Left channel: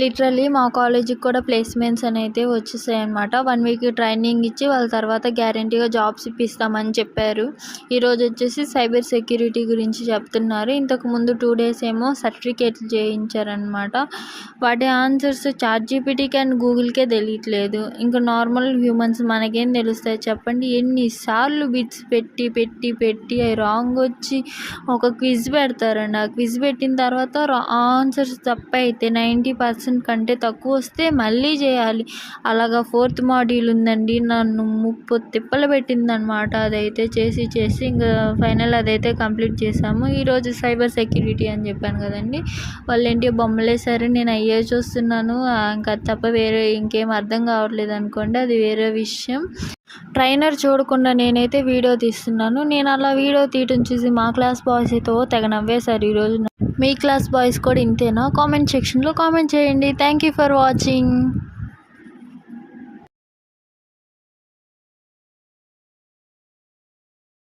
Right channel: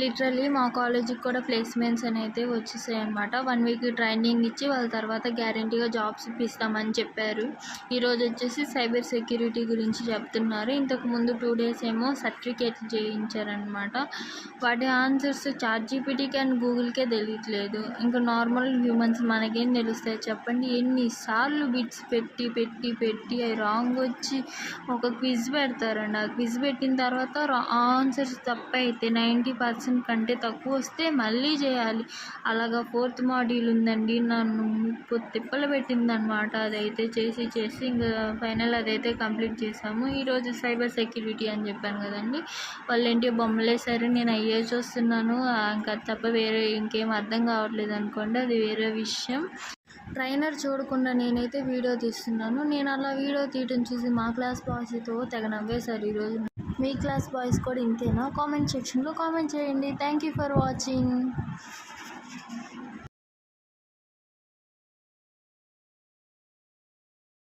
Literally మా కాలేజీకి కూడా ప్లేస్మెంట్స్ అయితే వచ్చేసాయి అనమాట. 1 వీక్ ట్రైనింగ్ ఇచ్చి వాళ్ళ తర్వాత గ్యారంటీగా జాబ్స్ ఇప్పిస్తామని చెప్పారు. ఈరోజు వచ్చేసి సైబర్ సెక్యూరిటీ గురించి చెప్తున్నారు. ఇంతకుముందు 2 డేస్ ఏమో సర్టిఫికేట్లు చేయించారనమాట. వాటి ఆన్సర్స్ చాట్‌జీపీటీకి అండ్ గూగుల్‌కే తెలియట్లేదు. ఇంకా నార్మల్ హ్యూమన్స్ మనకేం తెలుస్తాయి చెప్పండి. ఎన్నిసార్లు బిట్స్ పెట్టి అవి రాంగ్ వచ్చి ఒక క్విజ్ పెడతారండి. ఆ క్విజ్ పెట్టిన తర్వాత ఆన్సర్స్ తప్పైతే 90% కంటే తక్కువ వస్తే మళ్ళీ చేయాలి. అలాగా 4th మాడ్యూల్ ఉందండి. నన్ను ముప్పు తిప్పలు పెట్టిందనమాట. అదైతే చేసి ఇంకా ఫైనల్ అదైతే కంప్లీట్ చేసాము. ఈరోజు సైబర్ సెక్యూరిటీ అని చెప్పాను కదండి. వాళ్ళేంటి బొమ్మలేసారు, నేను అయ్యే చూస్తున్నాను. ఇంకా తప్ప వేరే ఇంకేం అర్థం కావట్లేదు అనుకోండి, అది వేరే విషయం. ట్రైనర్ చూడకుండా నేనైతే వీడియో తీస్తున్నాను. నేను అలా వీడియో తీయటం చూసి మా క్లాస్ బాయ్స్ అయితే తెగ నవ్వేశారు ఈరోజు. మీ క్లాస్ బాయ్స్ కూడా ఇంతేనా? కామెంట్ సెక్షన్లో కామెంట్ చేయండి. Thank you for watching.